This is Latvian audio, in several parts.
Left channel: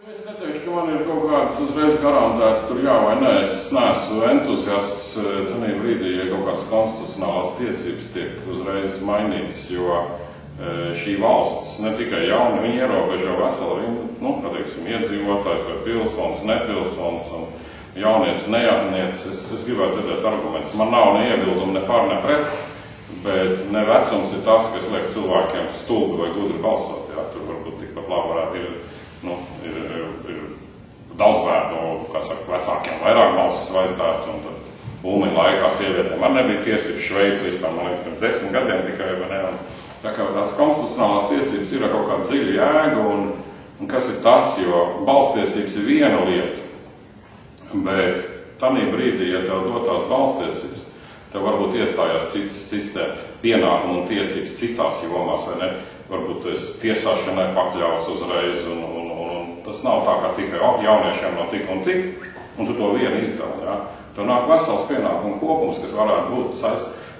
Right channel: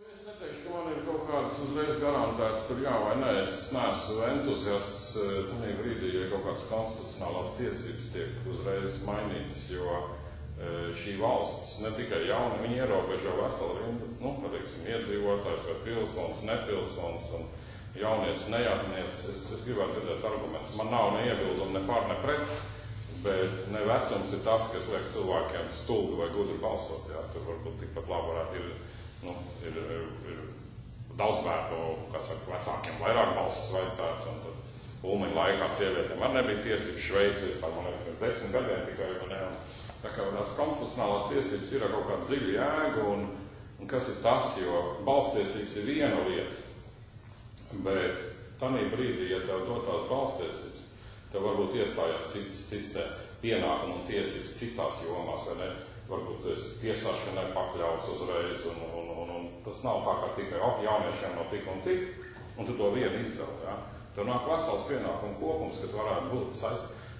Es neteikšu, ka man ir kaut kāds uzreiz garantēti tur jā vai nē. Es neesmu entuziasts tajā brīdī, ja kaut kādas konstitucionālās tiesības tiek uzreiz mainītas, jo šī valsts ne tikai jauni, viņi ierobežo veselu rindu, iedzīvotājs vai pilsonis, nepilsonis un jaunietis, nejauniets. Es gribētu dzirdēt argumentus. Man nav ne iebildumi, ne par, ne pret, bet ne vecums ir tas, kas liek cilvēkiem stulbi vai gudri balsot. Jā, tur varbūt tikpat labi varētu ir daudz bērnu, kā saka, vecākiem vairāk balsis vajadzētu, un tad Ulmaņa laikā sievietēm man nebija tiesības Šveici vispār, man liekas, pirms 10 gadiem tikai, vai ne, un tā kā tās konstitucionālās tiesības ir kaut kāda dziļa jēga, un kas ir tas, jo balstiesības ir viena lieta, bet tamī brīdī, ja tev dotās balstiesības, tev varbūt iestājās citas sistēma, pienākumu un tiesības citās jomās, vai ne, varbūt tu esi tiesāšanai pakļauts uzreiz, un tas nav tā, kā tikai jauniešiem no tik, un tu to vienu izdali, jā. Tu nāk vesels pienākumu kopums, kas varētu būt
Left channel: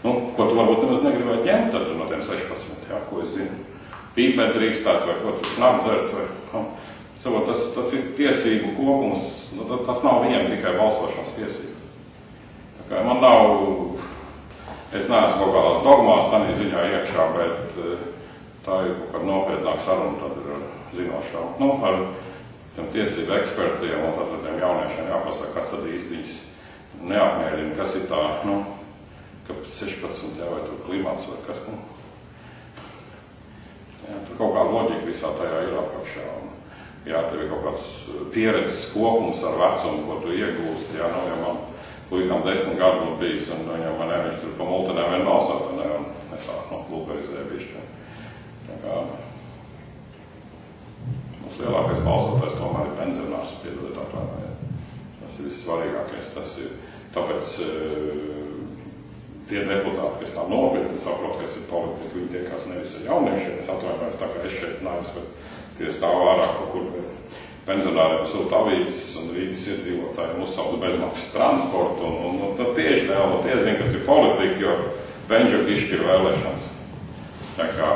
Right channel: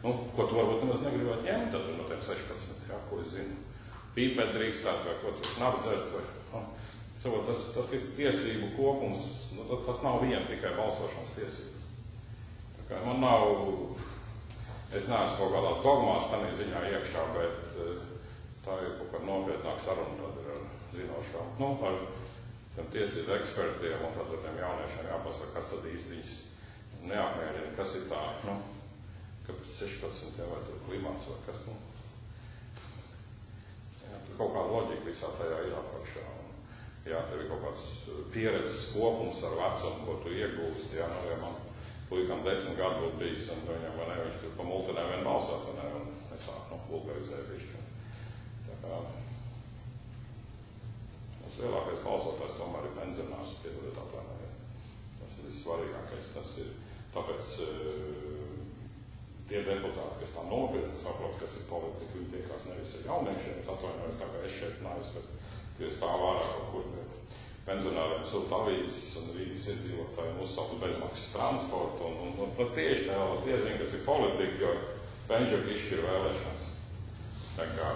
ko tu varbūt nemaz negribētu ņemt tad no tiem 16, jā, ko es zinu. Pīpēt drīkstēt, vai ko tu nāk dzert, vai, tas ir tiesību kopums, tas nav viena tikai balsošanas tiesība. Tā kā man nav, es neesmu kaut kādās dogmās tādā ziņā iekšā, bet tā ir kaut kāda nopietnāka saruna, tad ir zinošā. Ar tiem tiesību ekspertiem un tad tiem jauniešiem jāpasaka, kas tad īsti viņus neapmierina, kas ir tā, kāpēc 16, jā, vai tur klimats vai kas, jā, tur kaut kāda loģika visā tajā ir apakšā. Jā, tev ir kaut kāds pieredzes kopums ar vecumu, ko tu iegūsti, jā, ja man puikām 10 gadu būtu bijis, un viņam, viņš tur pa multenēm vien balsot, un es tā, lūperizēju bišķi. Tā kā mums lielākais balsotājs tomēr ir pensionārs, piedodiet atvainojiet. Tas ir vissvarīgākais. Tas ir tāpēc tie deputāti, kas tā nopietni saprot, kas ir politika, viņi tiekās nevis ar jauniešiem. Es atvainojos, tā kā es šeit nāvis, bet tie stāv ārā kaut kur pensionāriem sūta avīzes un Rīgas iedzīvotājiem uzsauc bezmaksas transportu. Un tad tieši tie zina, kas ir politika, jo Benžuka izšķir vēlēšanas. Tā kā